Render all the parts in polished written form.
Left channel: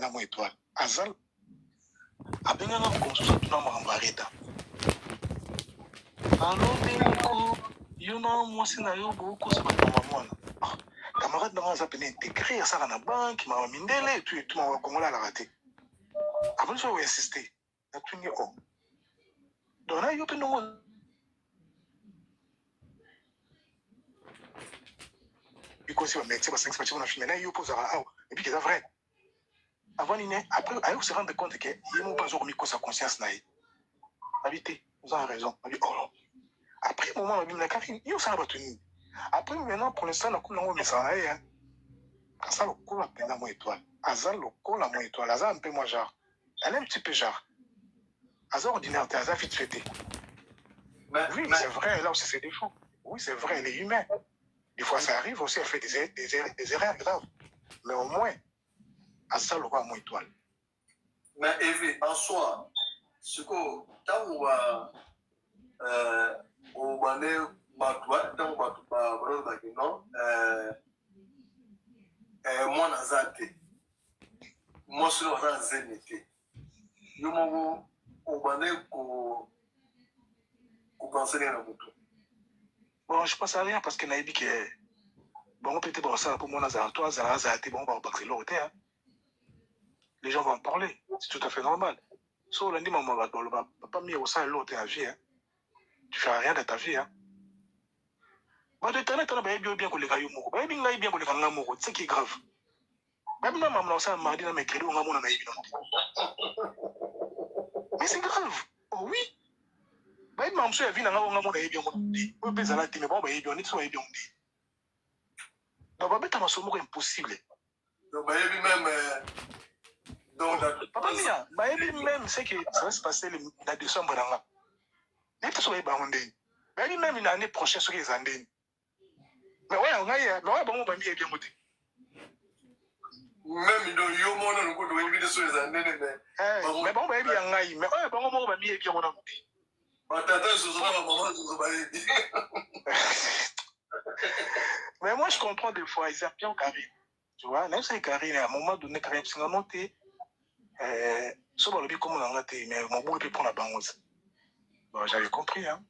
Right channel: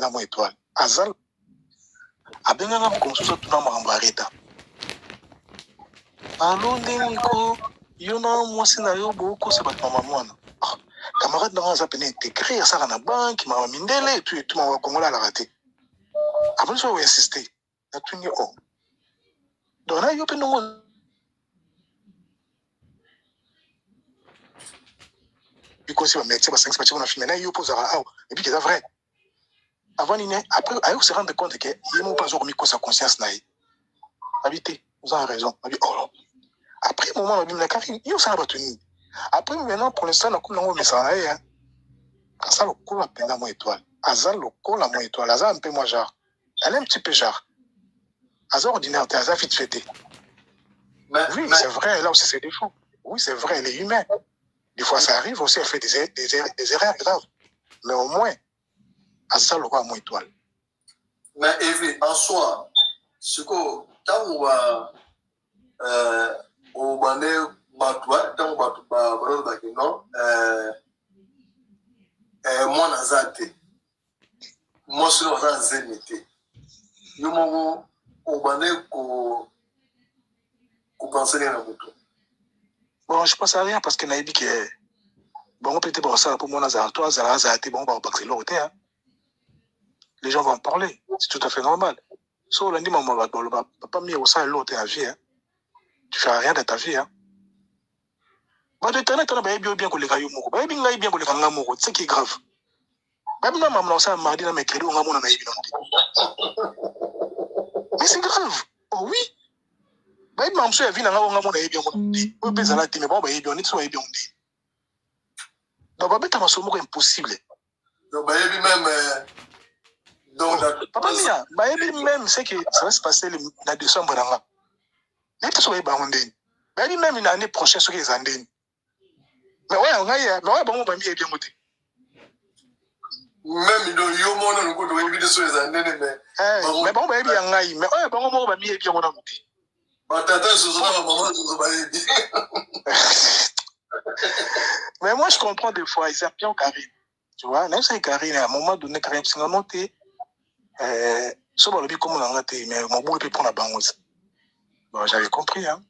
pendant mon étoile. Azal, abenganga comme ça tout na marambareta. Allô Nico, yona moi scénario beaucoup c'est pas maman. Camarade dans ça peine intégré ça na banque, mama mindele et tout ma Congola la raté. Après ça on insister. Na tout ni oh. Donc là yo pe non because on met ça 5 matchs on a fini là yo pose à et puis c'est vrai. Avant après ayo se rendre compte que il m'a pas remis sa conscience là. Habité, vous avez raison. Oh. Après moment on a dit la Karine, yo ça va tenir. Après maintenant pour l'instant on a comme non mais ça là ça le coup la peine à mon étoile. Azal le coup la mon étoile. Azal un peu moins genre. Elle est un petit peu genre. Azal ordinaire, Azal vite fêté. Oui, c'est vrai, là aussi c'est défaut. Oui, c'est vrai, elle est humaine. Des fois ça arrive aussi, elle fait des erreurs graves. Mais au moins, Azal le coup à mon étoile. Mais Evie, en soi, ce que tant au bané batwa, tant non, moi nazate, moi sur la zénité. Nous m'avons au bané qu'on pensait à beaucoup. Bon, je pense à rien parce qu'elle a dit que bon, on peut être bon ça pour moi nazar, toi zazate, bon, on va passer l'autre, hein. Les gens vont en parler, c'est tout à fait normal. So lundi maman va pas mis au sein l'autre à vie, hein. Tu fais rien de ta vie, hein. Bah de temps en temps bien que les gars yo moko, bah bien que les gars moko, c'est qui est grave. Bah bien maman ça mardi na mercredi on a mon ami. Mais c'est grave. Oh oui. Bah maman ça vient na on a mon ami bien mon. On peut ça là mais bon bah bien on est soit bien on dit. Donc bah bête ma somo impossible. Donc bah même donc papa mia, bah même c'est que ça va se passer la décembre là. N'est-ce pas bah on dit. Bah même l'année prochaine sur les années. Mais ouais, on a mais ouais bon bah bien on dit. Même dans yo mon on ko do éviter sur les années mais bon bah bien ngai mais ouais bon moi bah bien on a dit. Bah tata ce soir maman je va mais moi je comprends des fois ils bien Karine. Tu vois, même si Karine à un moment donné Karine c'est monté so ba lobi comme on a raté mais mon boulot peut prendre la banque. Bon, j'avais compris hein.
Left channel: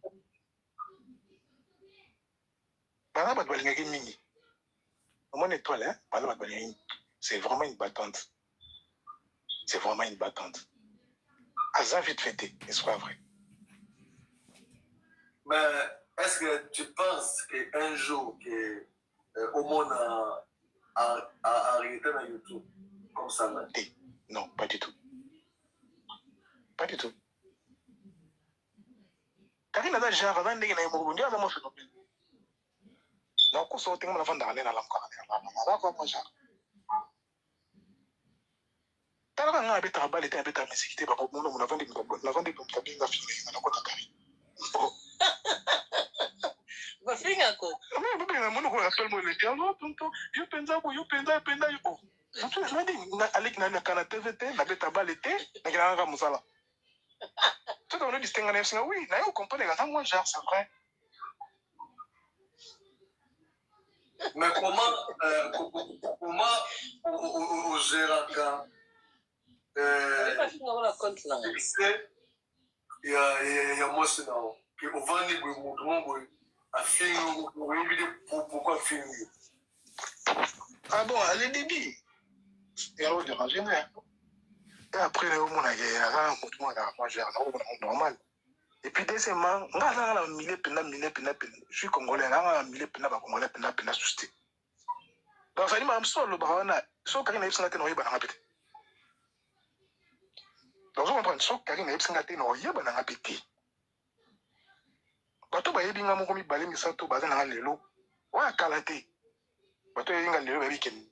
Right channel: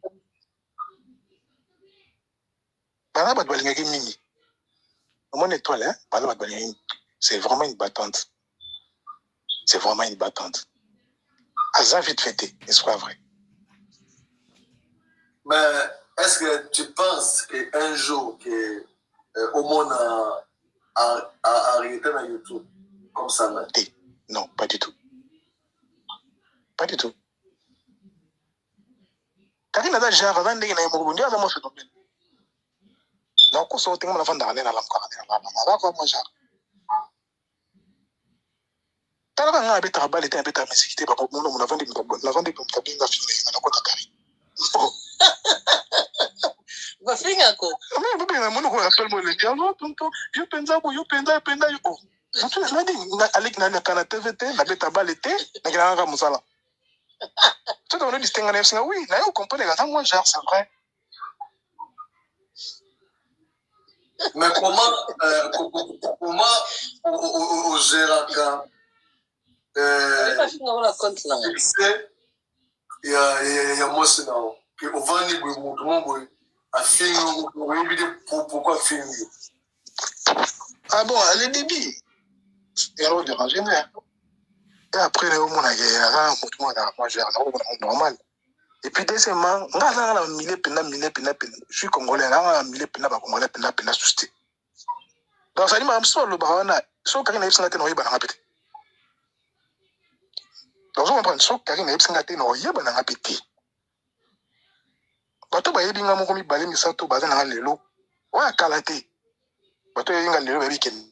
Bana ba balingaki mingi. Mon étoile hein, bana ba balingaki. C'est vraiment une battante. C'est vraiment une battante. Azan vite fêté, n'est-ce pas vrai? Mais est-ce que tu penses qu'un jour que au monde a arrêté dans YouTube comme ça là? Non, pas du tout. Pas du tout. Karine a déjà avant de gagner mon bonheur, moi fait phénomène. Non, qu'on soit au la fin d'année dans la encore moi genre. T'as pas un bête à balle et un bête à musique, pas pour mon avant de cabine filmer dans la côte à Karine. Va finir quoi? Mais bien, mon rappelle moi le dialogue, tonton, je pense oh. Tu m'as dit, avec na kana TVT, na bête à balle et na grand musala. Tu dois nous distinguer oui, là on comprend les gars, moi genre c'est vrai. Mais comment au Géraka il y a moi c'est là que au vendre tout le monde a fait pourquoi faire ah bon le débit il y a de ranger et après le monde a moi genre normal et puis deuxièmement on a mille je suis congolais on a mille congolais pena susté donc ça dit même soit le barana soit quand il est santé no yeba na pété donc on prend soit quand il est santé no yeba na pété bato ba yebi ngamo komi balé misato baza na lelo wa kalaté bato yinga lelo ba weekend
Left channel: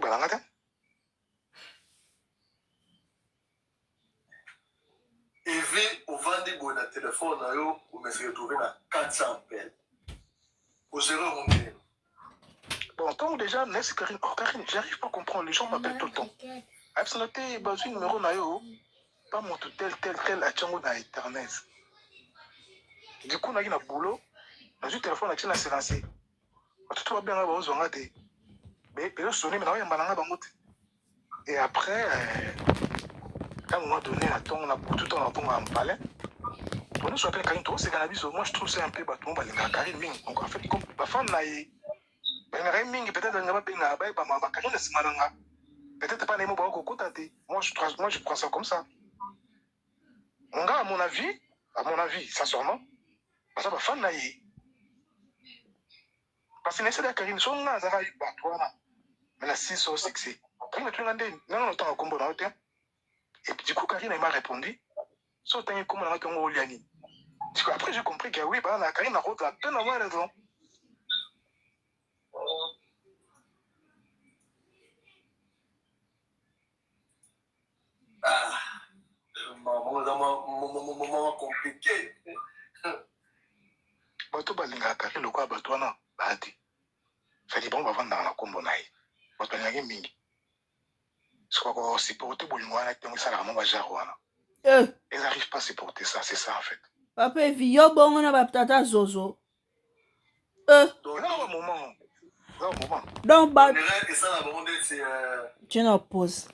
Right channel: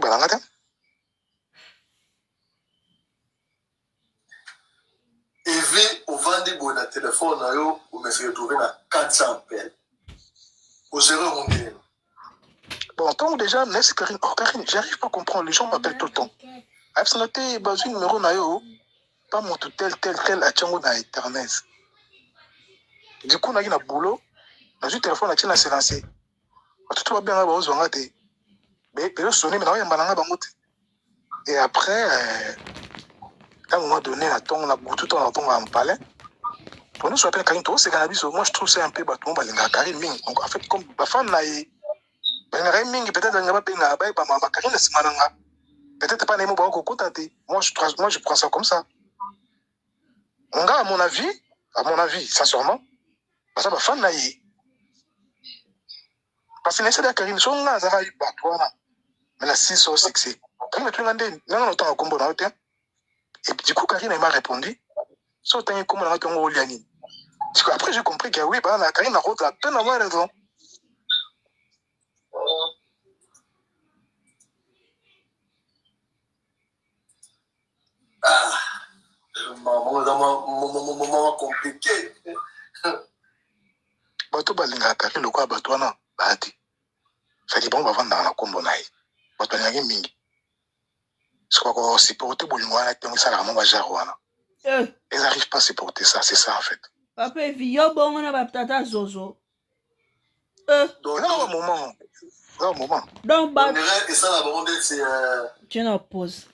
balangata Evie au vendre bon téléphone na yo ou me se retrouver na 400 appels au zéro monter. Bon, tant déjà, laisse Karine. Oh, Karine, j'arrive pas à comprendre. Les gens m'appellent tout le temps. Avec son noté, bah, un numéro, nayo, pas mon tout tel, à Tchango dans Internet. Du coup, on a eu un boulot. Dans un téléphone, on a s'est lancé. Tout va bien, on va te. Mais le sonner, mais non, il y a un balanga bangote. Et après, à un moment donné, on a tout le temps en palais. Pour nous, on appelle Karine, c'est cannabis. Moi, je trouve c'est un peu bâton, Karine Ming. Donc, en fait, comme la femme n'a pas Ming, peut-être qu'elle n'a pas payé, Karine, c'est malanga. Peut-être pas les mots, moi, je prends ça comme ça. Mon gars, à mon avis, sincèrement, parce que la femme n'a parce que l'essai de Karine, son là, ça va y battre, mais la 6 au succès. Karine, tu l'as dit, non, non, t'as un combo dans le terrain. Et du coup, Karine m'a répondu, so t'as un combo dans le terrain. Après, j'ai compris que oui, bah, Karine a route la peine d'avoir raison. Moment compliqué. Bato balinga Karine le quoi batouana, bahati. Ça dit bon, va vendre dans la combo naï. Bato balinga mingi. C'est quoi qu'on supporte boulingwana, et ça la maman jarwana. Ils n'arrivent pas à supporter ça, c'est ça en fait. Papa, vieux bon, on a batata zozo. Donc, là, un moment. Donc, on dirait que ça, la bande, c'est. Tu n'en poses.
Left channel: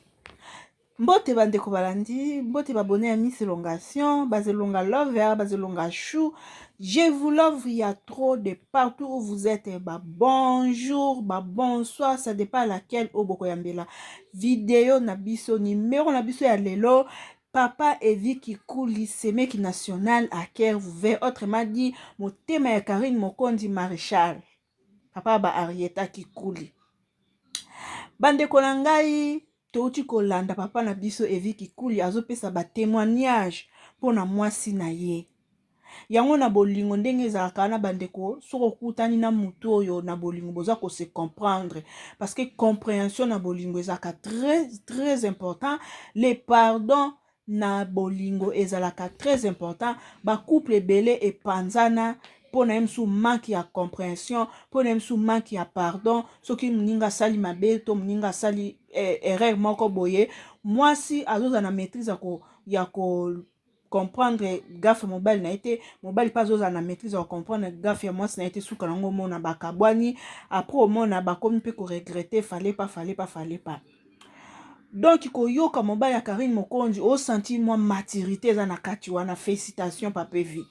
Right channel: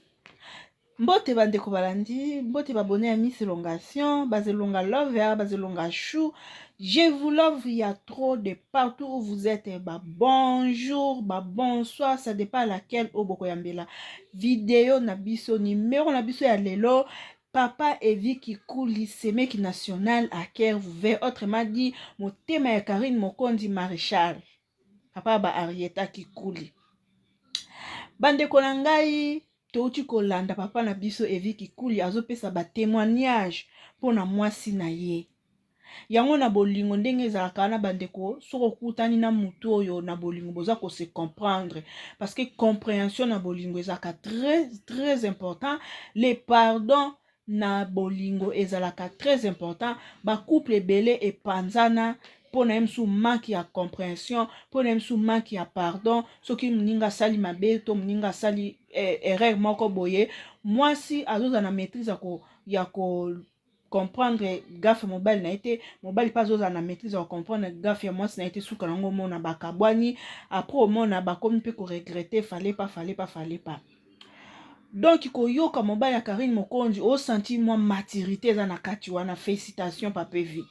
Mbote bandeko balandi, mbote babone à Miss Elongation, Bazelonga Lover, Bazelonga Chou. Je vous love, il y a trop de partout où vous êtes. Bah bonjour, bah bonsoir, ça dépend à laquelle Oboko Yambela. Vidéo nabiso, numéro nabiso ya lelo. Papa Evi qui coule, semeki national à Caire, vous verrez. Autrement dit, mon thème est Karine Mokondi Maréchal. Papa ba Arieta qui coule. Bandeko na ngai. Touti kolanda papa na biso Evi Kikuli azopesa ba témoignage pona mwasi na ye. Yango na bolingo ndenge ezalaka na bandeko soko kutani na mutu oyo na bolingo boza ko se comprendre parce que compréhension na bolingo ezalaka très important. Les pardons na bolingo ezalaka très important. Ba couple belé et panzana pour na msu manque ya compréhension, pour na msu manque ya pardon, soki mninga sali mabe to mninga sali erreur moko boye, moi si azoza na maîtrise ya ko comprendre gaffe mobile na été mobile pas azoza na maîtrise ya comprendre gaffe moi si na été suka nango mona bakabwani après au mona bakomi pe ko regretter fallait pas. Donc koyoka mobile ya Karine Mokonzi au senti moi maturité eza na kati wana félicitations papa vie.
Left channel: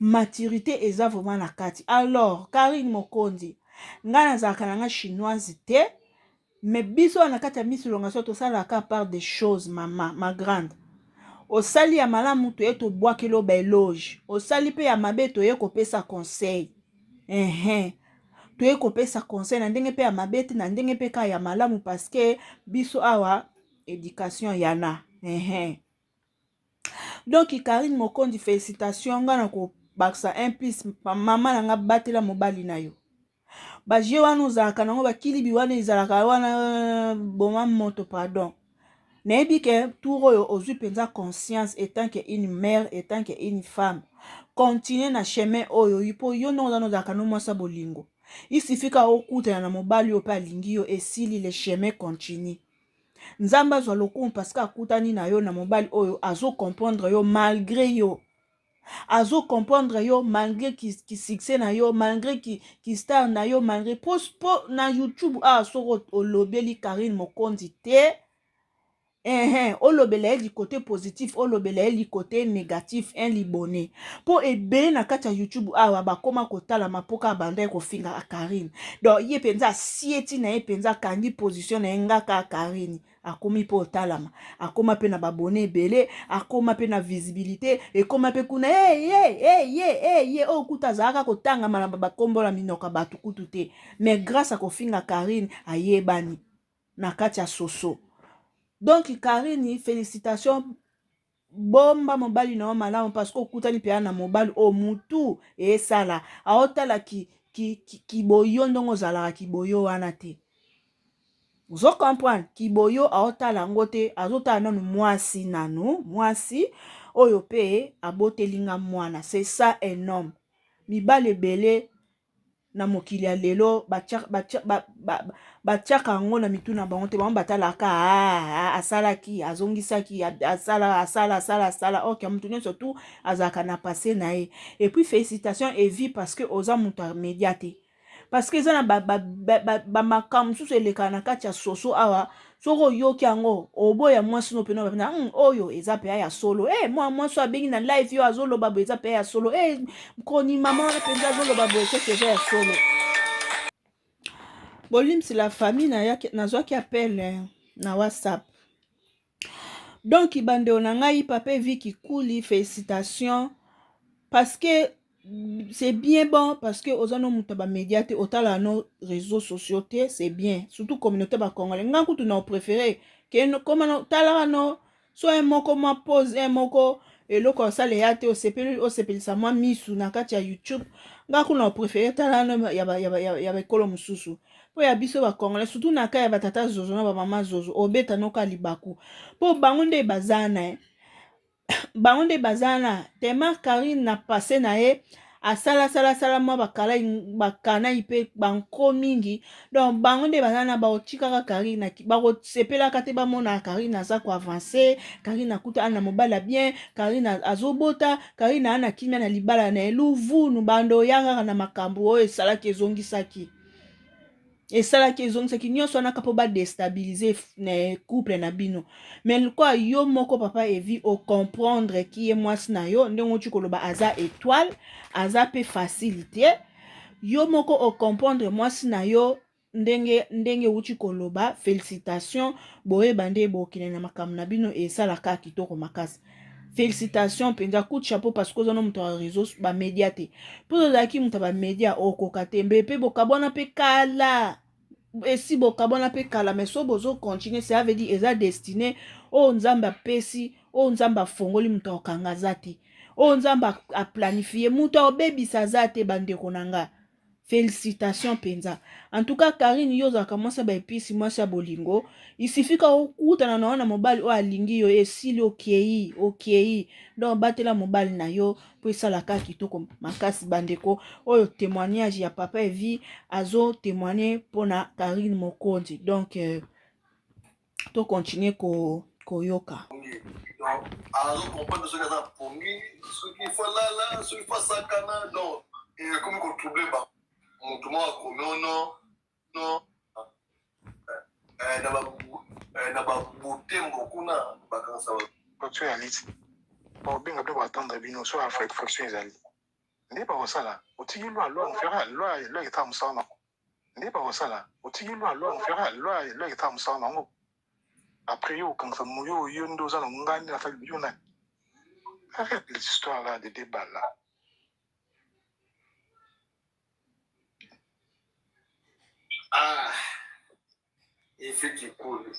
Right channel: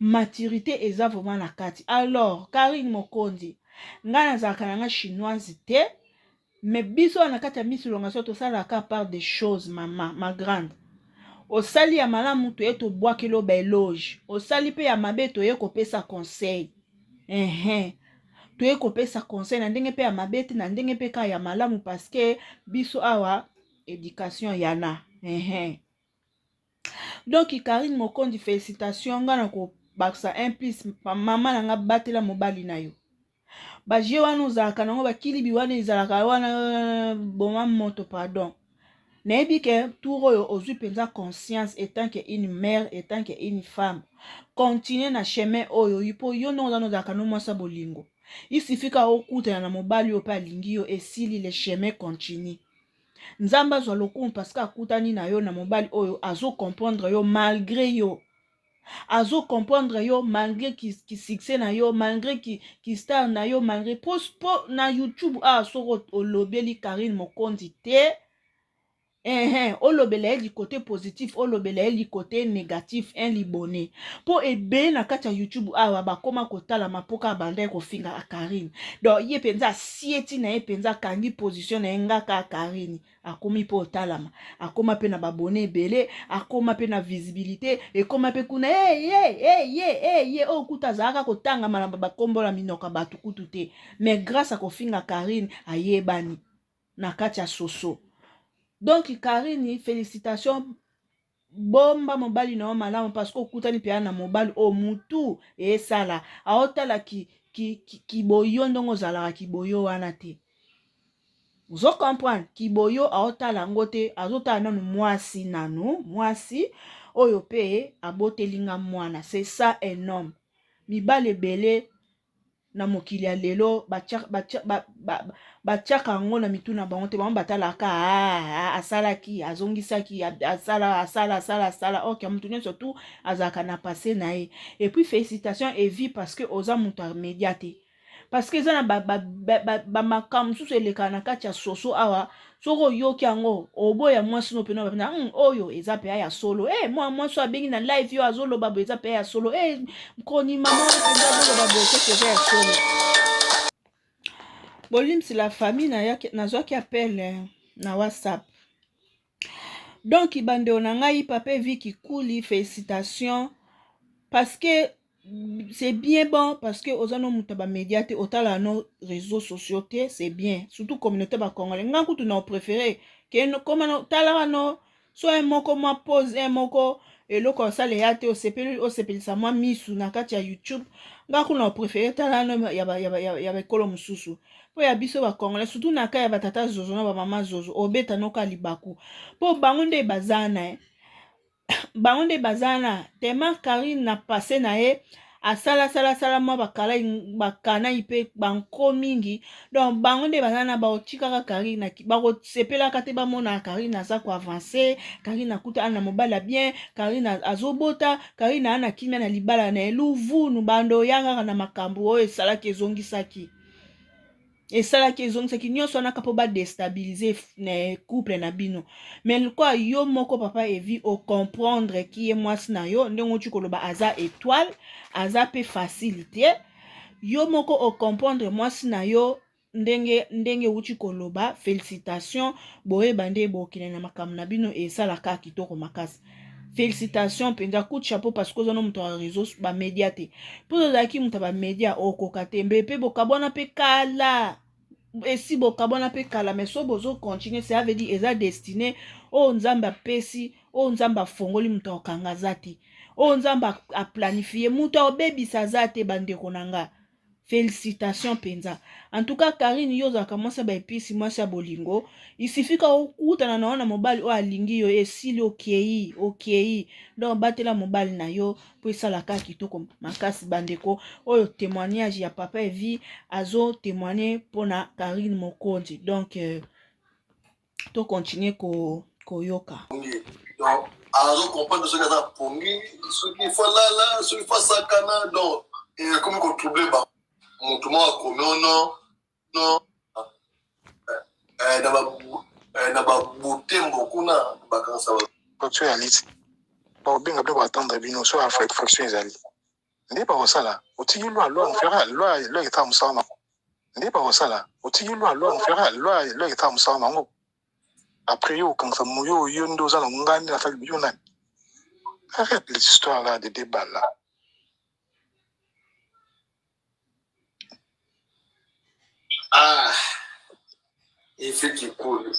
Maturité eza vraiment na kati. Alors Karine Mokonzi nga nazalaka nanga chinoise te mais biso na kati ya Miss Elongation tosalaka part des choses maman ma grande. Osali ya malamu to eto bwakelo ba éloge. Osali pe ya mabe to ye kopesa conseil. To ye kopesa conseil na ndenge pe ya mabe te na ndenge pe ka ya malamu parce que biso awa éducation yana. Donc Karine Mokondi félicitations nga na ko baksa un plus mama na nga batela mobali na yo. Ba je wana ozalaka nango bakilibi wana ezalaka wana boma moto pardon. Nayebi ke tour oyo ozwi penza conscience étant que une mère étant que une femme continuer na chemin oyo ipo yo no ozalaka no mwasa bolingo. Il suffit ka okuta na mobali yo pa alingi yo esili le chemin continue. Nzamba azwa lokumu parce que akutani na yo na mobali oyo azo comprendre yo malgré yo. Azo comprendre yo malgré qui succès na yo malgré qui star na yo malgré post na YouTube soko olobeli Karine Mokondi te olobela du côté positif olobela du côté négatif un libonné po ebe na kati ya YouTube bakoma kotala mapoka banda ko finga a Karine donc ye penza sieti na ye penza kangi position na ngaka Karine akomi po talama akoma pe na babone ebele akoma pe na visibilité ekoma pe kuna okuta zaka kotanga malamba bakombola minoka batu kutu te mais grâce à kofinga Karine ayebani na kati ya soso. Donc Karine félicitations bomba mobali na malamu parce que okutani pe na mobali o mutu esala aotala ki boyo ndongo zalaka ki boyo wana te. Vous comprenez ki boyo aotala ngote azotala nanu mwasi nanu mwasi oyo pe abotelinga mwana c'est ça un homme. Mibale bele na mokili ya lelo batiaka ngo na mituna bango te bango batalaka asalaki azongisaki asala ok mutu nyonso surtout azalaka na passé na ye et puis félicitations Evi parce que oza mutu média te parce que eza na bamakambo mosusu eleka na kati ya soso awa soki oyoki yango oboya mwasi no mpena bapena oyo eza mpe ya solo mwa mwasi abengi na live yo azoloba boye eza mpe ya solo mokoni mama wana mpenza azoloba boye seke eza ya solo. Bolimsi la famille nazwaki appel na WhatsApp. Donc bandeko na ngai papa Viki Kuli, félicitations parce que c'est bien bon parce que ozano muta ba média te otala no réseaux sociaux te c'est bien surtout communauté ba congolais nga kutu na préféré que no comment tala no soit moko ma pose moko eloko sale ya te osepelisa mwa misu na kati ya YouTube nga kuna na préféré tala no ya ba kolo mususu po ya biso ba congolais surtout na ka ya batata zozo na ba mama zozo obeta no ka libaku po bango nde bazana bango nde bazana tema Karine na passé na ye asala mwa bakana ipe banko mingi donc bango nde bazana baotikaka Karine bakosepelaka te bamona Karine aza ko avancer Karine akuta ana mobala bien Karine azobota Karine ana kimia na libala na eluvunu bando yanga na makambo oyo esalaki ezongisaki nyonso anaka mpo badestabilize na couple na bino mais lokwa yo moko papa Evi ocomprendre ki ye mwasi na yo ndenge oti koloba aza étoile aza pe facile te yo moko ocomprendre mwasi na yo ndenge uti koloba félicitation boyeba nde bokende na makambo na bino esalaka kitoko makasi félicitation mpenza coup de chapeau parce que ozana moto ya réseau bamédia te mpo ozalaki moto ya bamédia okoka te mpe bokabwana mpe kala esi bokabwana mpe kala mais so bozocontinue ça veut dire eza destiné oyo nzambe apesi oyo nzambe afongoli moto akokanga aza te oyo nzambe aplanifie moto aobebisa aza te bandeko na nga félicitation mpenza en tout cas Karine yo ozalaka mwasi ya baepisi mwasi ya bolingo isifika okutana na wana mobali oyo alingi yo esili okei donc batela mobali na yo po esalaka kitoko makasi bandeko oyo témoignage ya papa Evi azo témoigner mpona Karine Mokonzi donc to continue koyoka donc azo comprendre ce que ça pongi ce qu'il faut là ce qu'il faut sakana donc comme qu'on trouble ba moto mo akomi non na babutembo kuna bakanisa bato ya liti baobenga mpe batanda bino so infraction ezali nde bakosala otiki loi mfera loi etala mosala nango nde bakosala otiki loi etala mosala nango après yo okangisa yo nde oza na ngandi na fali yo nani arrête les histoires là de débat là. Il fait qu'il coule.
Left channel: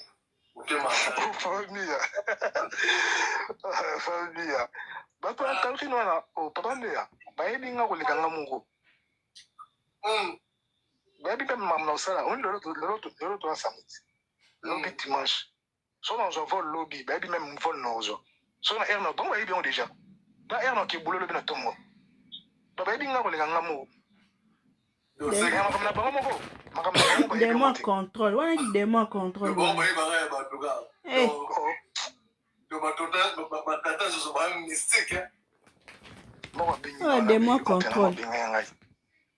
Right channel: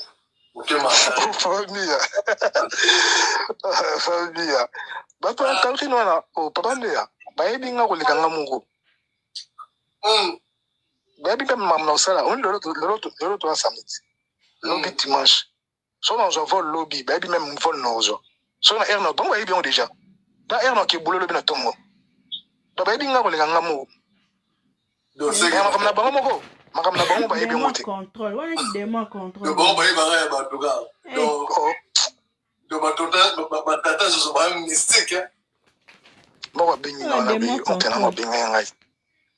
Famille. Bato ya Karine wana papa ndeya bayebi nga koleka nga moko bayebi mpe mamu na osala oni lelo toa samedi lobi dimanche so na ozwa vol lobi bayebi meme vol na ozwa so na air na bango bayebi yango déjà na air na kebule lobi na ntongo donc bayebi nga koleka nga moko makambo na bango moko makambo na bango bayebi yango te contrôle wana di demo contrôle bon bayebaka ya batuka donc batata zozo ba mystique moko abengi nga babenga ya ngai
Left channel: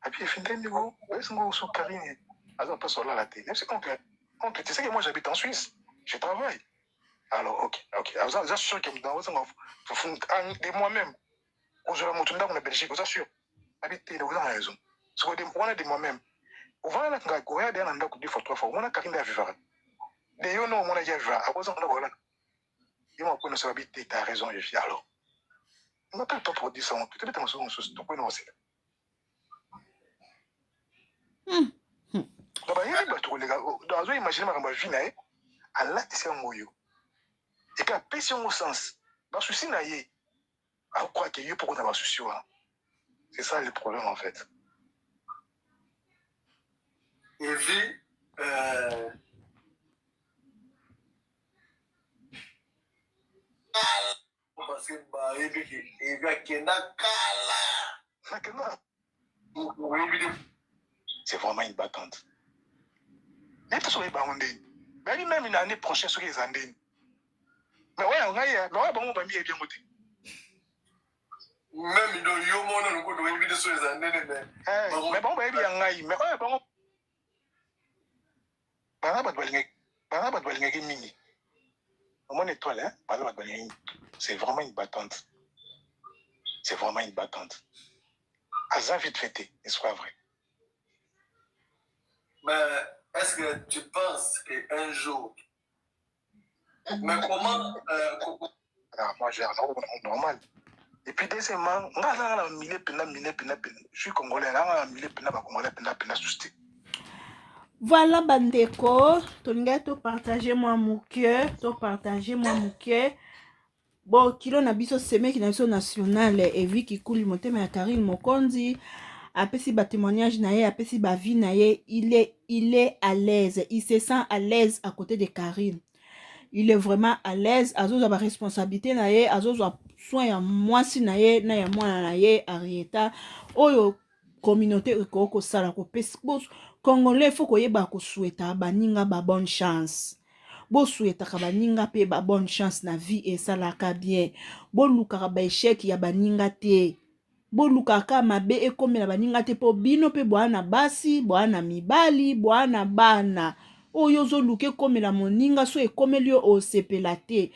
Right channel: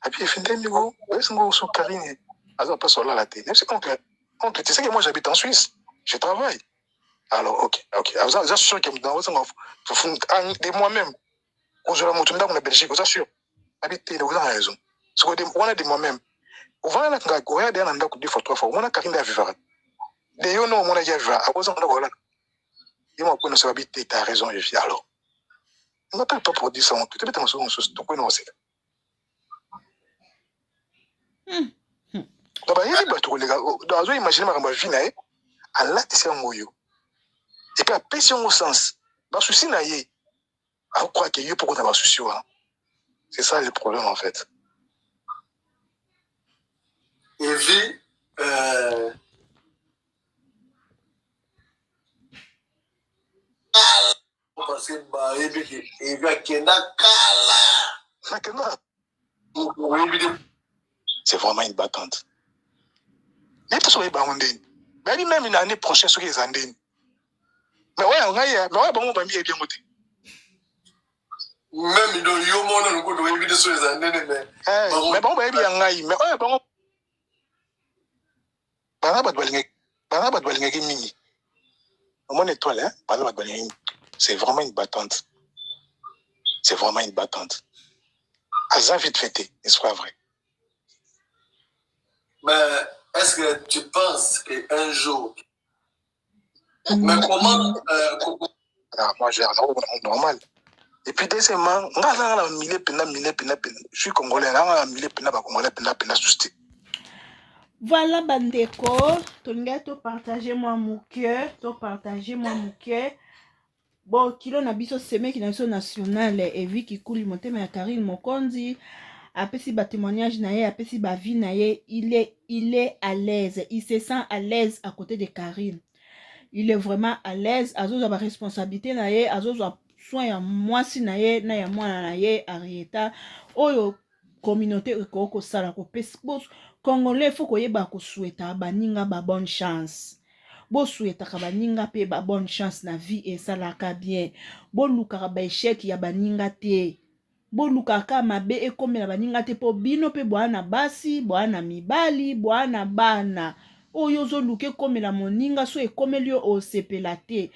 api efindeni ko esingo so Karine aza pas solala te même si oncle tu sais que moi j'habite en Suisse je travaille alors ok ça sûr que dans de moi-même ozala moto ndako na Belgique oza sûr habite le oza raison so wana de moi-même ovana nga goya de na ndako 2 fois 3 fois wana Karine ya vivre de yo no mona ya vivre akoza ndako wala et moi pour ne savoir habiter t'as raison je vis alors on n'appelle pas pour dire ça on peut être dans ce tout quoi non c'est donc bayebi bato kolega azo imagine makambo ya vie na ye alatisi yango yo et puis apesi yango sens basusi na ye akokroa ke yo poko na basusi wana c'est ça le problème en fait Evi parce que bayebi ke Evi akenda kala c'est vraiment une battante. Mais tout ça est bandé. Mais même une année prochaine, ce qui est andé. Mais ouais, on a, mais ouais, bon, on va bien côté. même il y a mon nom de éviter sur les années mais bon baby yangai mais bon bana ba dolinga mingi mon étoile hein bana ba dolinga c'est vraiment une battante. C'est vraiment une battante. Aza vite fêté, n'est-ce pas vrai? Mais est-ce que tu penses qu'un jour... Mais comment... Moi, j'ai un normal. Et puis, deuxièmement, je suis congolais, voilà, bandeko, to partager moi mon cœur, Bon, kilo na biso seme ki na biso national et vu ki kuli motema ya Karine Mokonzi, apesi ba témoignage na ye, apesi ba vie na ye, il est à l'aise, il se sent à l'aise à côté de Karine. Il est vraiment à l'aise, azoza ba responsabilité na ye, azoza soin ya mwasi na ye, na ya mwana na ye, Arieta, oyo communauté ko sala ko pesi. Congolais faut koyeba ko souhaita baninga ba bonne chance. Bo souhaitaka baninga pe ba bonne chance na vie esalaka bien. Bo lukaka ba échec ya baninga te. Bo lukaka mabe ekomela baninga te po bino pe bwana basi, bwana mibali, bwana bana. Oyo zo luke komela moninga so ekomeli yo osepela te.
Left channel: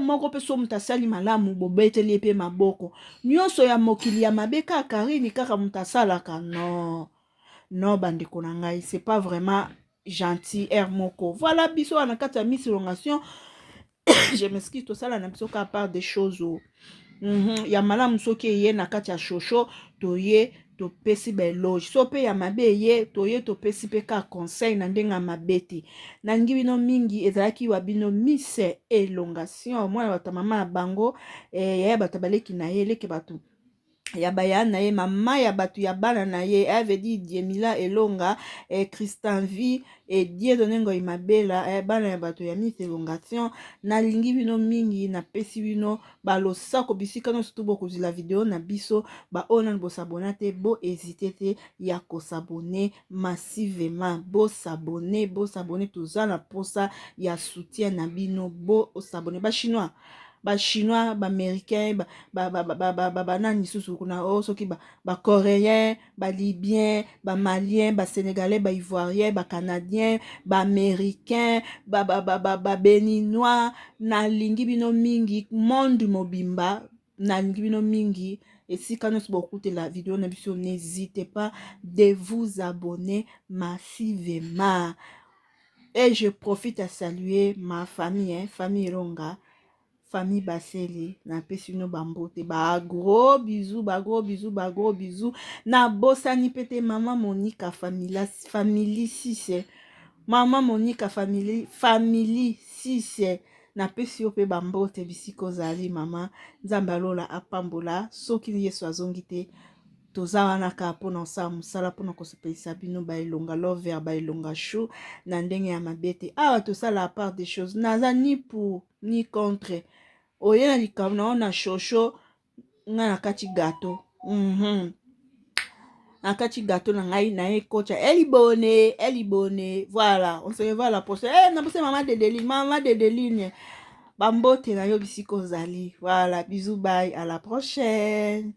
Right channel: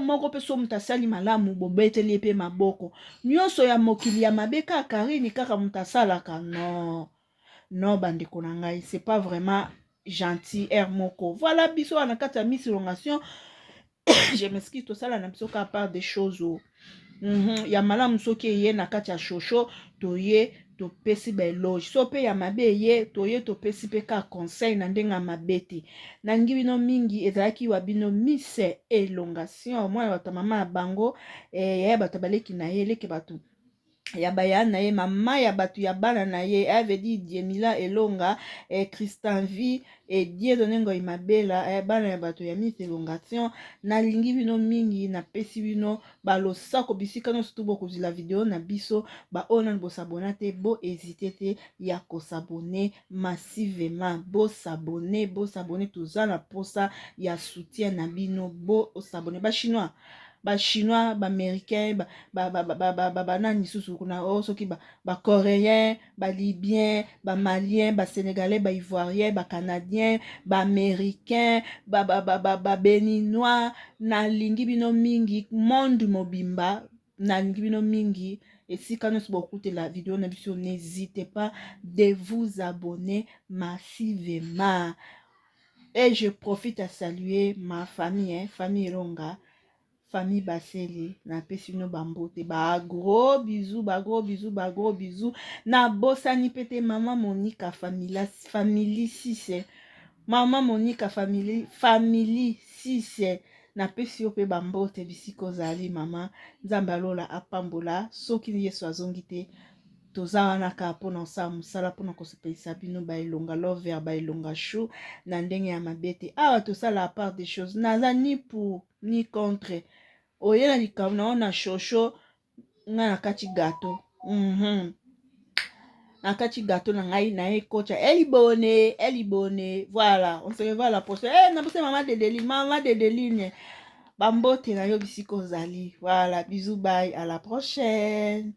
Moko pe so mutasali malamu bobeteli pe maboko. Nyonso ya mokili ya mabe ka Karine kaka mutasalaka non. Non, bandeko na ngai, c'est pas vraiment gentil, moko. Voilà, biso na kati ya Miss Elongation. Je m'excuse, tout ça là na biso ka part des choses. Ya malamu soki ye na kati ya shosho, toye to pesi ba eloge. So pe ya mabe ye, toye to pesi pe ka conseil na ndenga mabeti. Na ngi bino mingi ezalaki wa bino Miss Elongation. Mwana bata mama ya bango, ya bata baleki na ye, leke batu. Ya baya na ye mama ya batu ya bana na ye avait dit Diemila Elonga Christian Vi et Dieudonné Ngoyi Mabela bana ya batu ya Miss Elongation na lingi bino mingi na pesi bino balosako bisika no surtout boko la vidéo na biso ba ona bo s'abonner te bo hésiter te ya ko s'abonner massivement bo s'abonner toza na posa ya soutien na bino bo s'abonner ba chinois ba chinois ba américain ba nani susu kuna soki ba coréen ba libyen ba malien ba sénégalais ba ivoirien ba canadien ba américain ba béninois na lingi bino mingi monde mobimba na lingi bino mingi esika nyonso bokutela vidéo na biso n'hésitez pas de vous abonner massivement et je profite à saluer ma famille famille Elonga famille Baseli na pesi no bambote ba gros bisous na bosani pete mama Monica family 6 mama Monica family 6 na pesi yo pe bambote bisiko zali mama nzambe alola apambola soki Yesu azongi te toza wana ka mpona osala mosala mpona kosepelisa bino baelonga lover baelonga chou na ndenge ya mabete awa tosala part des choses naza ni pour ni contre oye na likambo na ona shosho nga na kati gato na kati gato na ngai na ye kocha elibone voilà on se revoit la prochaine na bose mama Dedeline bambote na yo bisiko zali voilà bisous bye à la prochaine.